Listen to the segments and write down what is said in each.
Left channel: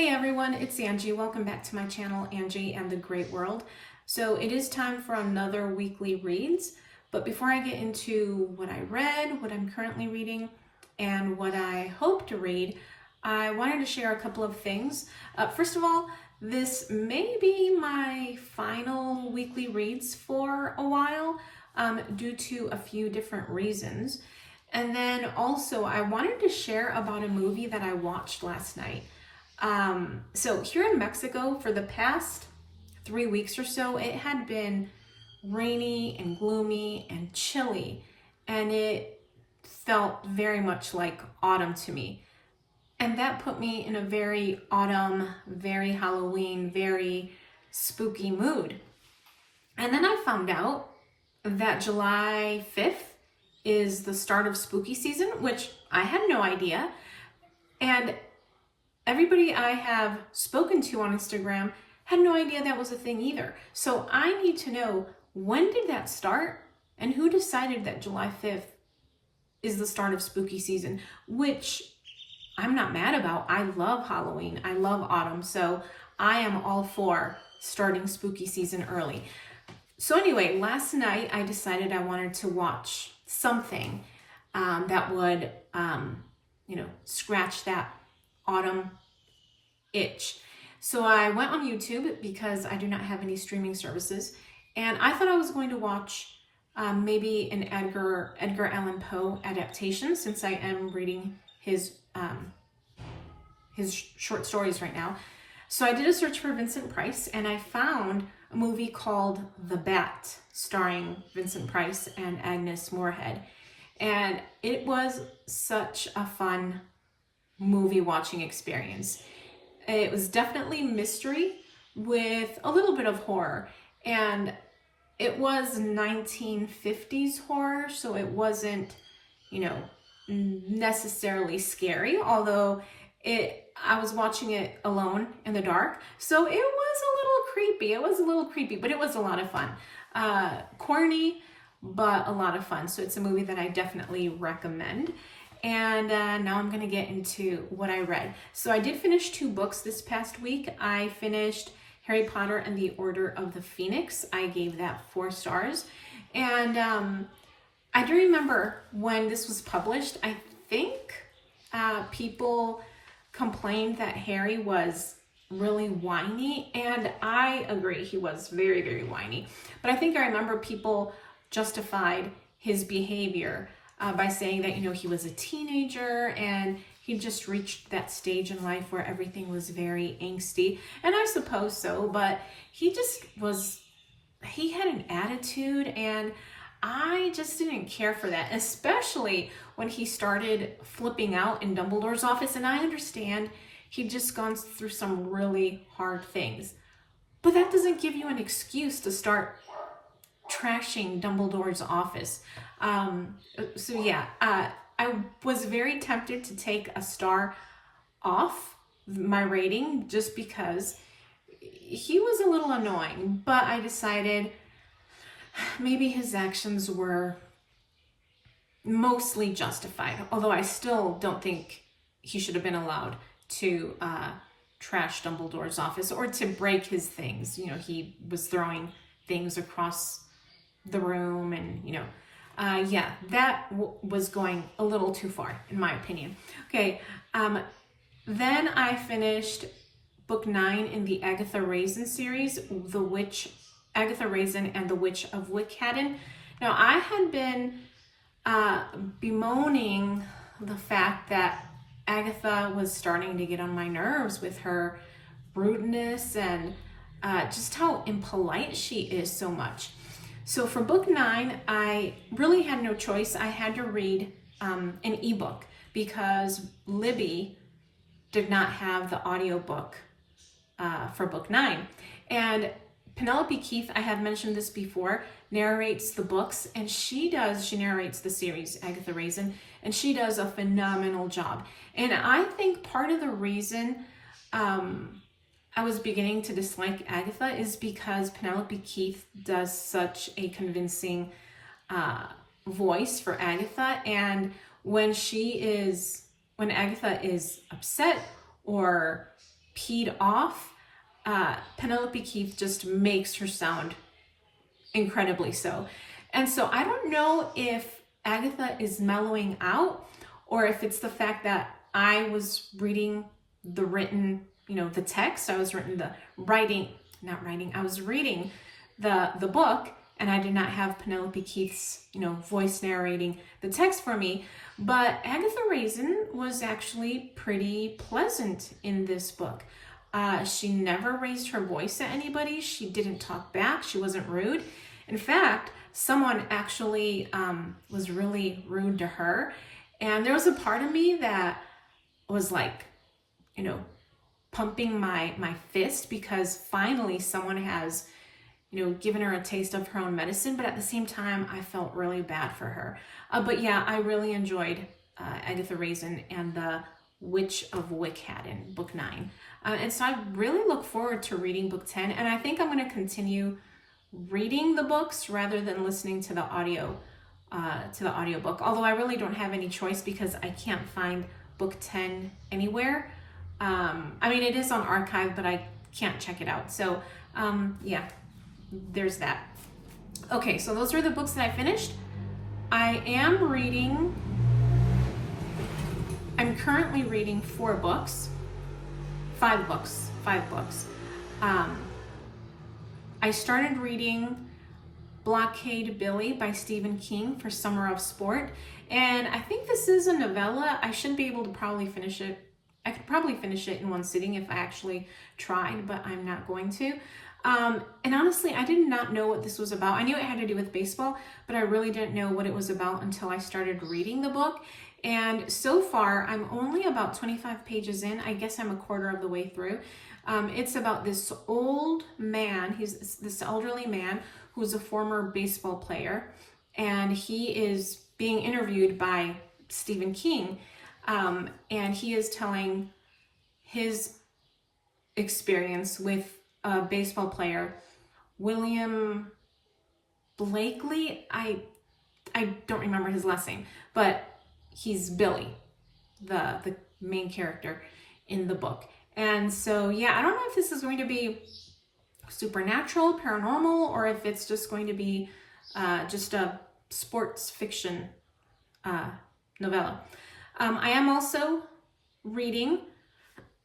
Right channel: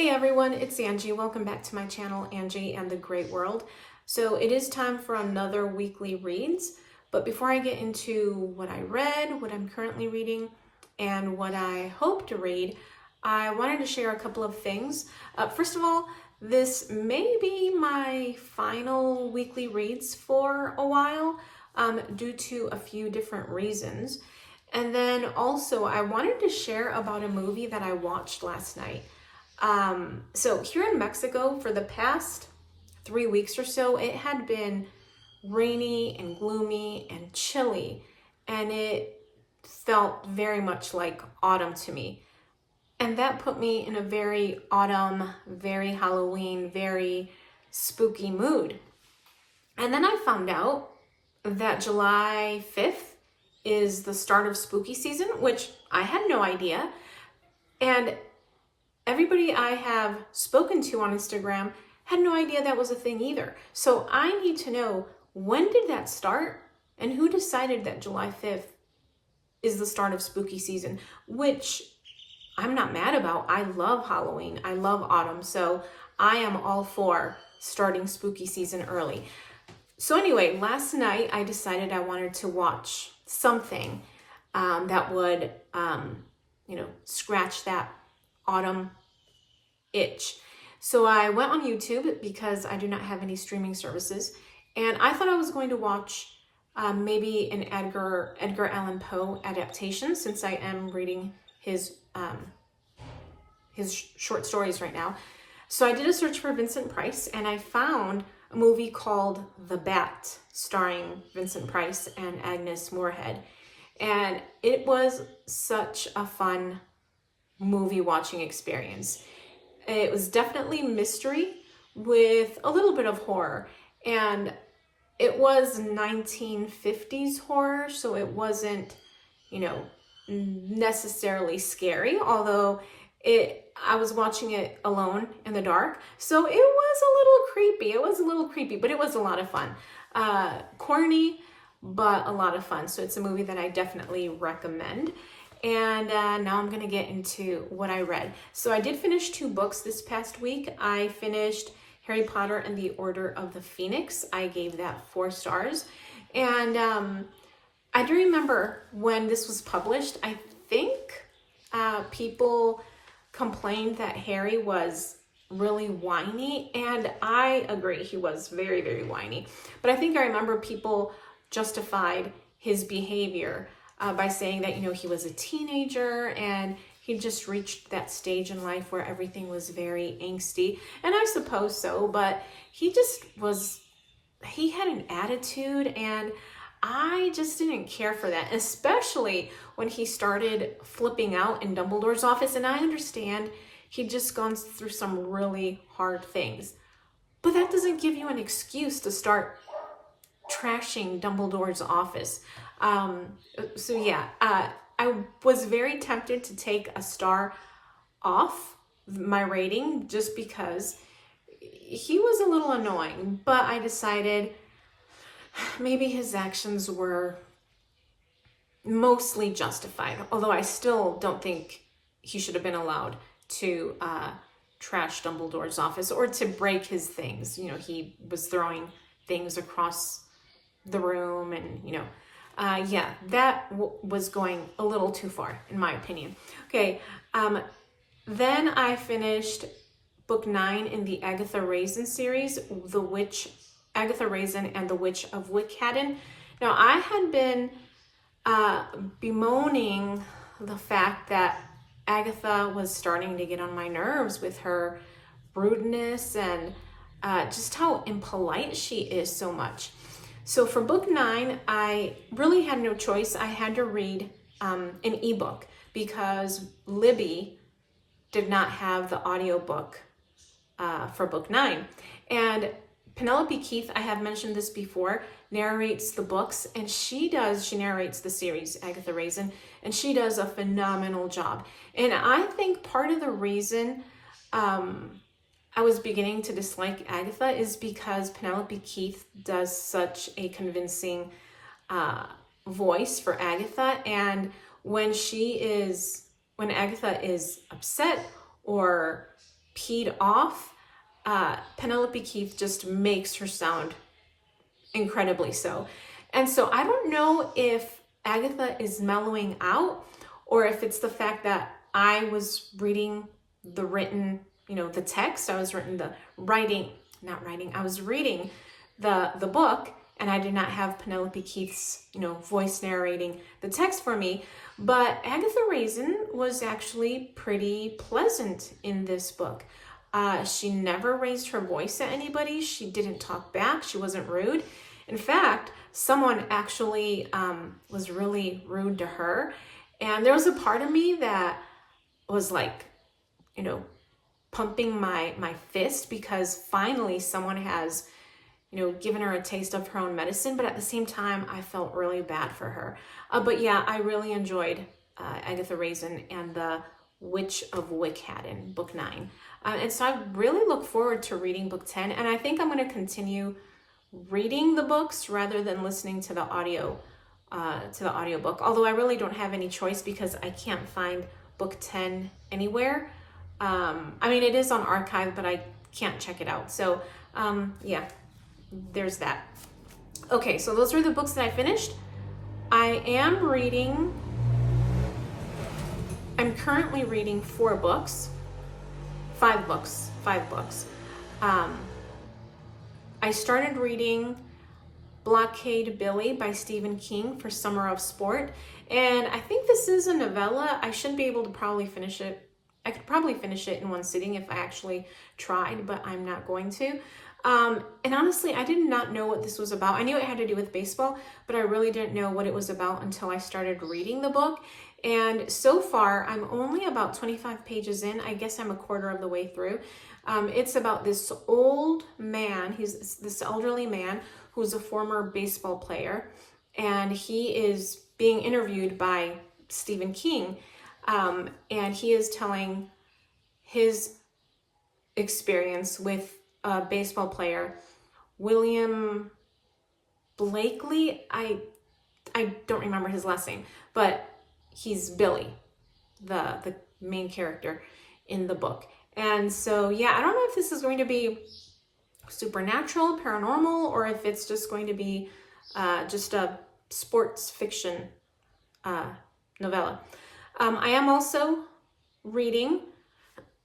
Hey everyone, it's Angie. Welcome back to my channel, Angie and the Great World. So it is time for another weekly reads, but before I get into what I read, what I'm currently reading, and what I hope to read, I wanted to share a couple of things. First of all, this may be my final weekly reads for a while due to a few different reasons. And then also I wanted to share about a movie that I watched last night. So here in Mexico, for the past 3 weeks or so, it had been rainy and gloomy and chilly, and it felt very much like autumn to me. And that put me in a very autumn, very Halloween, very spooky mood. And then I found out that July 5th is the start of spooky season, which I had no idea. And everybody I have spoken to on Instagram had no idea that was a thing either. So I need to know, when did that start and who decided that July 5th is the start of spooky season, which I'm not mad about. I love Halloween. I love autumn. So I am all for starting spooky season early. So anyway, last night I decided I wanted to watch something that would, scratch that autumn itch. So I went on YouTube because I do not have any streaming services, and I thought I was going to watch maybe an Edgar Allan Poe adaptation, since I am reading his short stories right now. So I did a search for Vincent Price, and I found a movie called The Bat, starring Vincent Price and Agnes Moorehead. And it was such a fun movie watching experience. It was definitely mystery with a little bit of horror, and it was 1950s horror, so it wasn't, necessarily scary, although I was watching it alone in the dark, so it was a little creepy, but it was a lot of fun. Corny, but a lot of fun. So it's a movie that I definitely recommend. And now I'm going to get into what I read. So I did finish 2 books this past week. I finished Harry Potter and the Order of the Phoenix. I gave that 4 stars. And I do remember when this was published, I think people complained that Harry was really whiny. And I agree, he was very, very whiny. But I think I remember people justified his behavior by saying that, he was a teenager and he just reached that stage in life where everything was very angsty. And I suppose so, but he had an attitude, and I just didn't care for that, especially when he started flipping out in Dumbledore's office. And I understand he'd just gone through some really hard things, but that doesn't give you an excuse to start trashing Dumbledore's office. I was very tempted to take a star off my rating just because he was a little annoying, but I decided maybe his actions were mostly justified, although I still don't think he should have been allowed to trash Dumbledore's office or to break his things. He was throwing things across the room, and that was going a little too far, in my opinion. Okay, then I finished book 9 in the Agatha Raisin series, Agatha Raisin and the Witch of Wickhaddon. Now, I had been bemoaning the fact that Agatha was starting to get on my nerves with her rudeness and just how impolite she is so much. So for book 9, I really had no choice. I had to read an ebook because Libby did not have the audiobook for book 9. And Penelope Keith, I have mentioned this before, narrates the books, and she narrates the series, Agatha Raisin, and she does a phenomenal job. And I think part of the reason I was beginning to dislike Agatha is because Penelope Keith does such a convincing voice for Agatha, and when Agatha is upset or peed off, Penelope Keith just makes her sound incredibly so. And so I don't know if Agatha is mellowing out, or if it's the fact that I was reading the written, the text. I was reading the book, and I did not have Penelope Keith's, voice narrating the text for me. But Agatha Raisin was actually pretty pleasant in this book. She never raised her voice at anybody. She didn't talk back. She wasn't rude. In fact, someone actually was really rude to her. And there was a part of me that was like, pumping my fist, because finally someone has, given her a taste of her own medicine. But at the same time, I felt really bad for her. But yeah, I really enjoyed Agatha Raisin and the Witch of Wickhaddon, book 9. And so I really look forward to reading book 10. And I think I'm going to continue reading the books rather than listening to the audiobook. Although I really don't have any choice, because I can't find book 10 anywhere. It is on archive, but I can't check it out. So yeah, there's that. Okay, so those are the books that I finished. I'm currently reading 5 books. I started reading Blockade Billy by Stephen King for Summer of Sport. And I think this is a novella. I should be able to probably finish it. I could probably finish it in one sitting if I actually tried, but I'm not going to. And honestly, I did not know what this was about. I knew it had to do with baseball, but I really didn't know what it was about until I started reading the book. And so far, I'm only about 25 pages in. I guess I'm a quarter of the way through. It's about this old man. He's this elderly man who's a former baseball player, and he is being interviewed by Stephen King, and he is telling his experience with a baseball player, William Blakely. I don't remember his last name, but he's Billy, the main character in the book. And so, yeah, I don't know if this is going to be supernatural, paranormal, or if it's just going to be just a sports fiction novella. I am also reading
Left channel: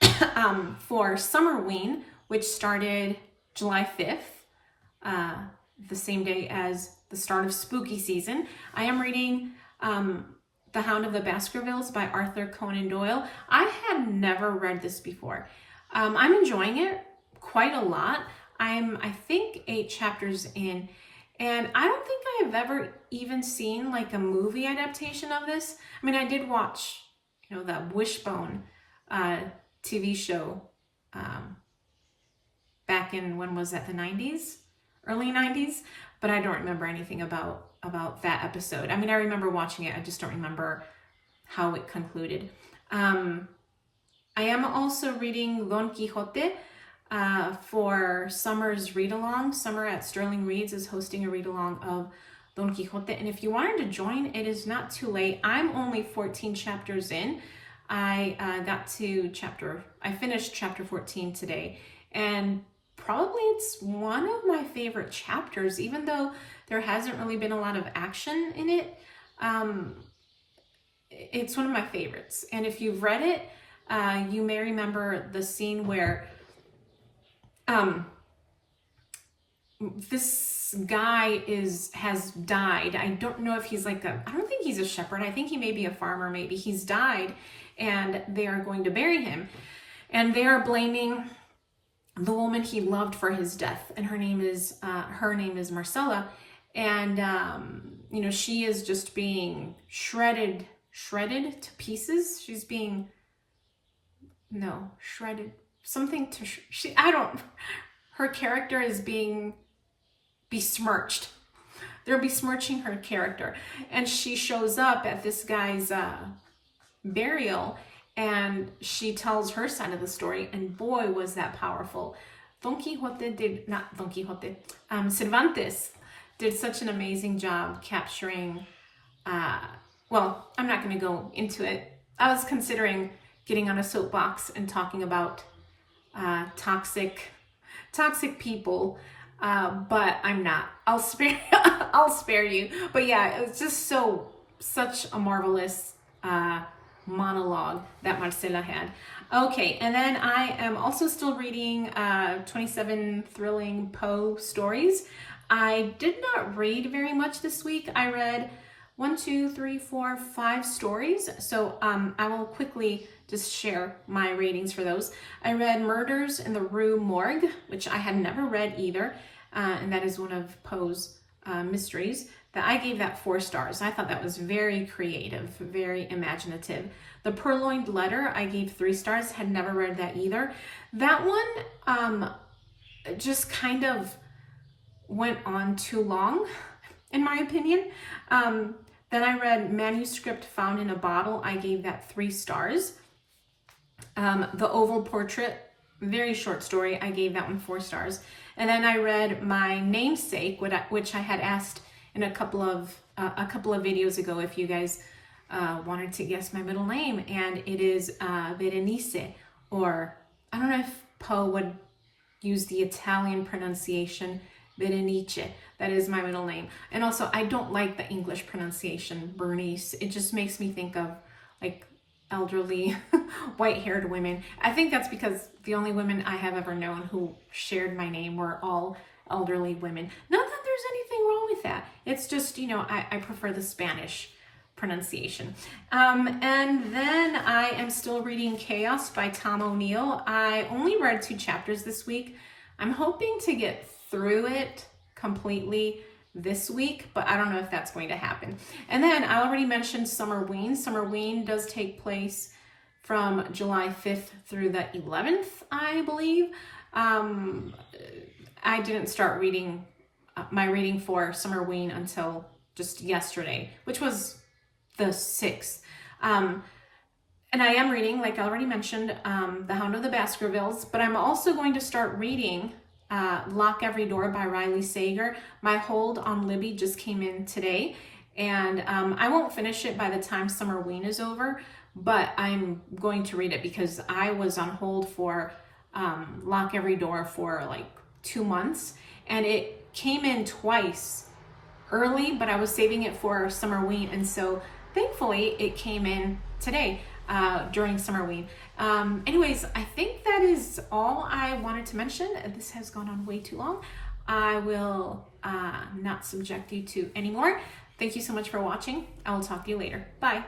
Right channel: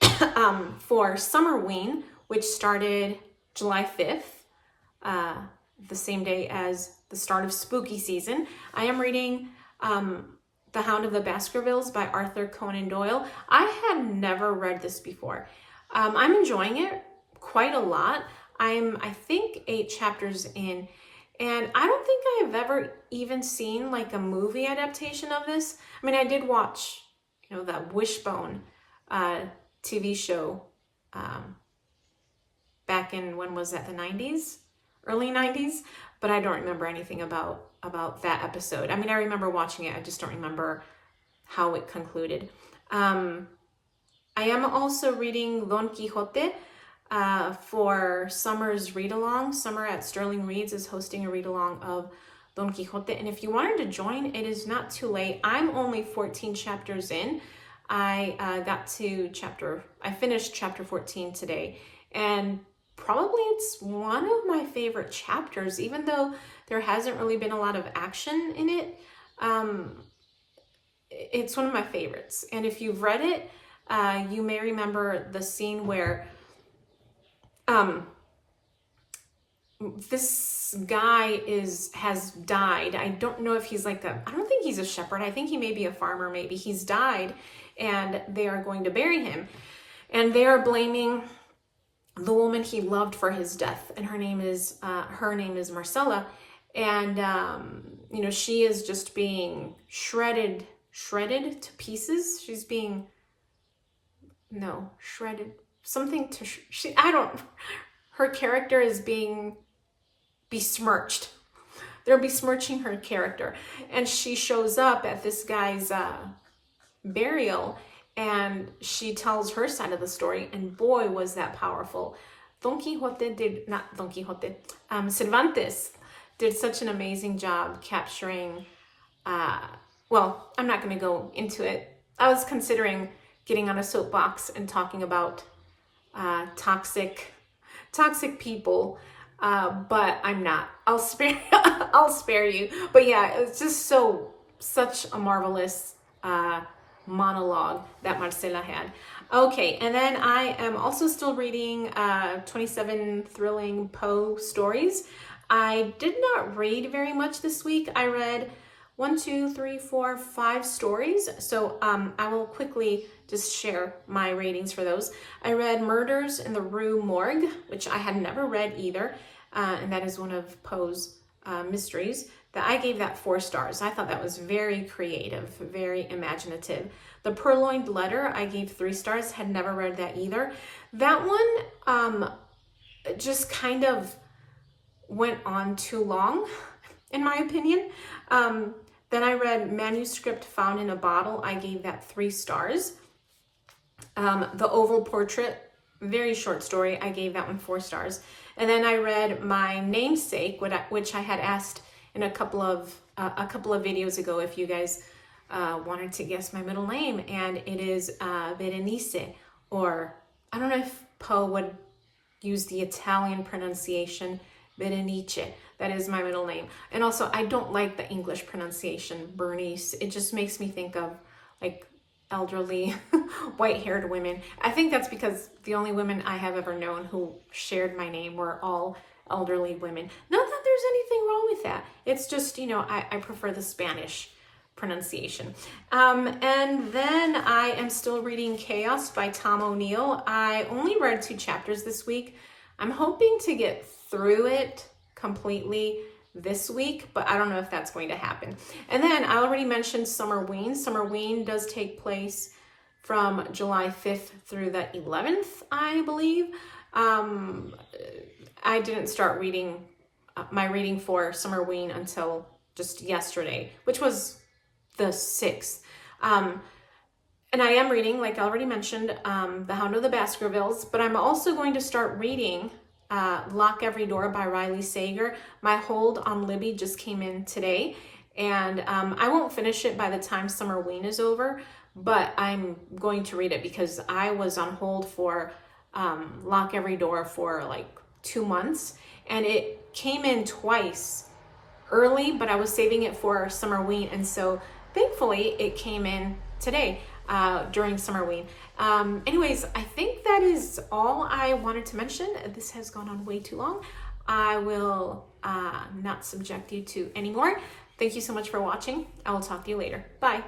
for Summerween, which started July 5th, the same day as the start of spooky season. I am reading The Hound of the Baskervilles by Arthur Conan Doyle. I had never read this before. I'm enjoying it quite a lot. I think 8 chapters in, and I don't think I've ever even seen like a movie adaptation of this. I did watch, the Wishbone TV show back in, when was that, the 90s? Early 90s? But I don't remember anything about that episode. I remember watching it, I just don't remember how it concluded. I am also reading Don Quixote for Summer's read-along. Summer at Sterling Reads is hosting a read-along of Don Quixote. And if you wanted to join, it is not too late. I'm only 14 chapters in. I finished chapter 14 today. And probably it's one of my favorite chapters, even though there hasn't really been a lot of action in it. It's one of my favorites. And if you've read it, you may remember the scene where this guy has died. I don't know if he's I don't think he's a shepherd. I think he may be a farmer, maybe. He's died, and they are going to bury him. And they are blaming the woman he loved for his death. And her name is Marcella. And, she is just being shredded to pieces. She's being, shredded, her character is being besmirched. They're besmirching her character. And she shows up at this guy's burial, and she tells her side of the story, and boy, was that powerful. Cervantes did such an amazing job capturing, well, I'm not going to go into it. I was considering getting on a soapbox and talking about toxic people, but I'm not. I'll spare I'll spare you. But yeah, it's just such a marvelous monologue that Marcela had. Okay, and then I am also still reading 27 thrilling Poe stories. I did not read very much this week. I read 1, 2, 3, 4, 5 stories. So I will quickly just share my ratings for those. I read Murders in the Rue Morgue, which I had never read either. And that is one of Poe's mysteries. That I gave that 4 stars. I thought that was very creative, very imaginative. The Purloined Letter, I gave 3 stars. Had never read that either. That one just kind of went on too long, in my opinion. Then I read Manuscript Found in a Bottle. I gave that 3 stars. The Oval Portrait, very short story. I gave that one 4 stars. And then I read My Namesake, which I had asked in a couple of videos ago if you guys wanted to guess my middle name, and it is Berenice, or I don't know if Poe would use the Italian pronunciation, Berenice. That is my middle name. And also, I don't like the English pronunciation, Bernice. It just makes me think of like elderly white-haired women. I think that's because the only women I have ever known who shared my name were all elderly women. Not that there's anything wrong with that. It's just, you know, I prefer the Spanish pronunciation. And then I am still reading Chaos by Tom O'Neill. I only read 2 chapters this week. I'm hoping to get through it completely this week, but I don't know if that's going to happen. And then I already mentioned Summerween. Summerween does take place from July 5th through the 11th, I believe. I didn't start reading my reading for Summerween until just yesterday, which was the 6th. And I am reading, like I already mentioned, The Hound of the Baskervilles, but I'm also going to start reading Lock Every Door by Riley Sager. My hold on Libby just came in today, and I won't finish it by the time Summerween is over, but I'm going to read it because I was on hold for Lock Every Door for like 2 months, and it came in twice early, but I was saving it for Summerween, and so thankfully it came in today during Summerween. Anyways, I think that is all I wanted to mention. This has gone on way too long. I will not subject you to any more. Thank you so much for watching. I will talk to you later. Bye.